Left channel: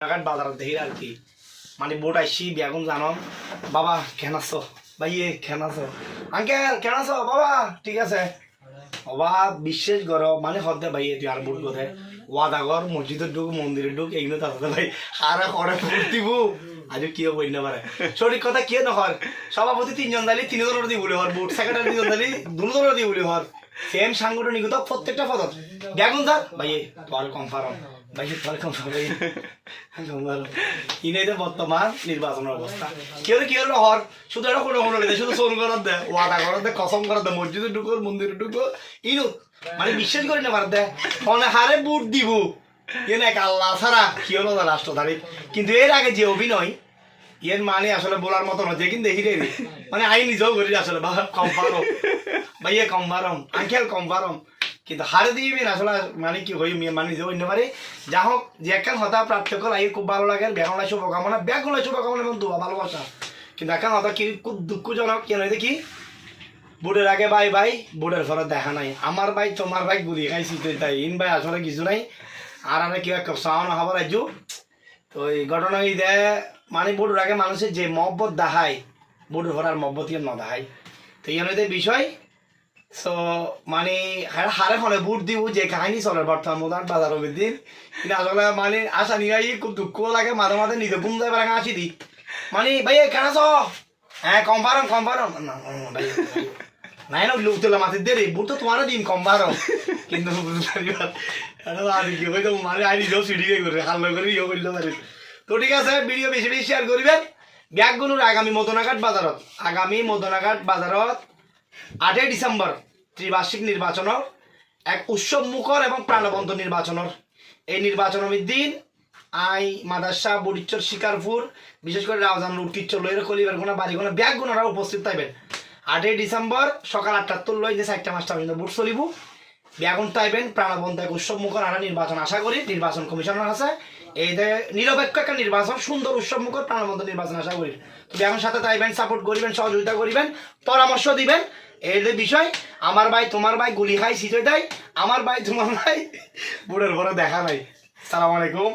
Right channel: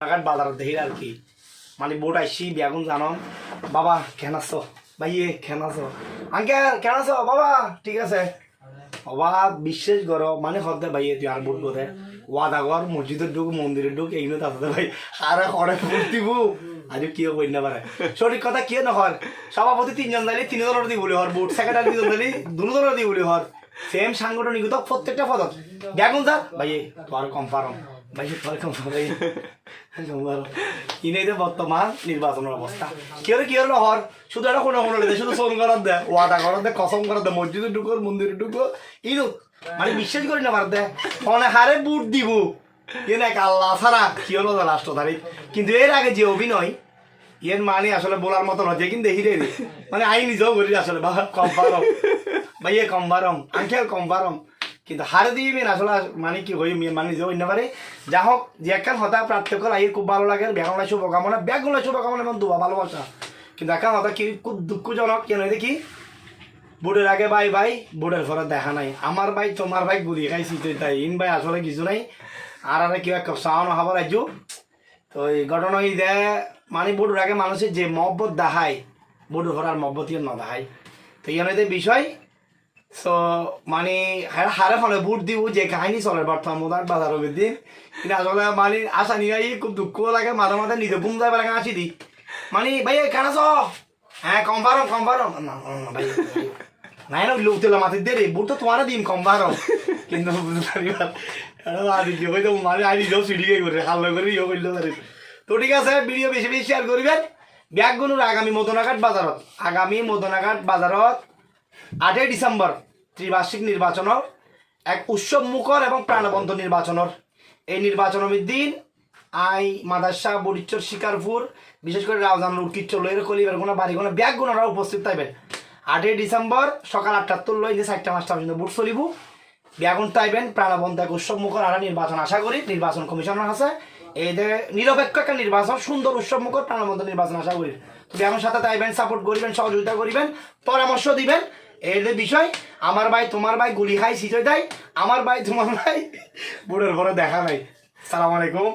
বাজার দেখি আর কি মানে বোট আইসি বেগুন জানো বাবা কেন আছো ভাইয়ে কেন আছো আঙ্কেল কেন আছো বাবা ঠিক আছে বাবা বিশ্বাস করো মানে হতে ভাইয়ে তুই আর বোট কোথায় ওয়াদাগর মসজিদের ঢুক মন্দিরের ঢুক এইগুলো তাতে ভাই আর করে দিব আজ কি বই না পারে সঠিক কথা কি নহর সভাপতি তিনজন দালি তিনজনের দিয়ে বলি হর বোট সেক্রেটারি দুজন দালি দুজনের দিয়ে বলি হর সেম সাংগঠনিক প্রত্যেকটা পদত বেগুন স্যার ভাইয়ে তোর কনফার্ম ভাই তোর কনফার্ম ভাই ইনে বর্তমান নির্বাচনের অবস্থা কেউ কি হলো হর শুধু একটা কোনো কোনো শুধু ফোন করার দেয় ওয়াদা করার দেয় কসম করার দেয় মসজিদে ঢুকো মন্দিরে ঢুকো ইনু মানে বিশ্বাস করি না পার দেয় ফোনে হারে বুট দিব এ না আল্লাহ ছাড়া কি হলো লাস্ট তারিখ কিন্তু এর আগে যে অভিনয় এর মানে আসলে বলার মতো নয় যে কিন্তু দেখি রে মানে আই নিজেও করি আসলে বা কনফার্ম ভাইয়ে কনফার্ম আঙ্কেল কনফার্ম কিন্তু হারে দিবি না আসলে মানে কি হই মানে নিজেও অন্য পারে যা হোক যে একটা হতা পার্থক্য আই খুব ভালো লাগে বেগুলা শুভকামনা বেগুলা শুভকামনা এবং দুয়া ভালোবাসা কিন্তু একটা হতা কি খুব দুঃখজনক কেন দেখি বুটের আগে ভাই ভাই বুটের ঘরে দেখা নাই আমার ভাই তোমার ভাই গুলি খাইছি তাই ইন ভাই আসলে কিছু নাই আর আরে কেউ একটা সাওয়ানো হবার রাজ্য তো এই ঘটনা এই দেয় মানে বুটের আগে মানুষের যে মহব্বত দেখায় বুটের ঘর আর মহব্বত না দেখায় তো এই বিষয় সো মানে হারে ফলে বুট দিব যে কাহিনী চলে বর্তমান মোদার বাজার দিন কিন্তু আসলে মানে আশা নিয়ে খুব দুঃখ লাগে মাঝে মাঝে নিজে বুম যাবে লাগে আসি দি মানে ভাই কেন আছো হ্যাঁ কনফার্ম না ভাই নাই না লোক তেলা মাথায় দে রে বুট তো তোমার দিন কনফার্ম কিন্তু মানে আই নিজেও সিডিকে করে হাল করে ইয়ে করলে পারে তো ঠিক আছে ভিডিও বেশি বেশি শেয়ার করবেন ব্যাগগুলোর আগামী মদনাঘাট বাজারত 8 ডিসেম্বর ত্রিবার্ষিক নির্বাচনের এক উৎসব মুখর এবং প্রাণবন্ত নির্বাচনের এই নির্বাচনের দিন আই মাদারসা বরিচ্চর শিকারপুর বিশেষ করে রাউজান উটকিচ্চর লইয়ের কলিবার গোনা বাড়িগোনা ব্যাগগুনারা উপস্থিত থাকবেন 8 ডিসেম্বর সকাল 8টার লই যে 4টা 5টা পর্যন্ত বুট চলিব ব্যাগুন তাইবেন প্রাণবন্ত এক উৎসব মুখর আর নির্বাচন আশা করি নির্বাচন কমিশনার আছে এই নিরপেক্ষ একটা নির্বাচন সুন্দর উৎসব মুখর প্রাণবন্ত নির্বাচন আশা করি তো ব্যাগুন সাথে তাইবেন সাপোর্ট করিবেন সহযোগিতা করিবেন পরামর্শ দিবেন এই বিষয় আমার ভাই তোমার ভাই গুলি খাই সিটে দেয় আমার ভাই তোমার ভাই বুড়ের ঘরে দেখা নাই সালাম আলাইকুম।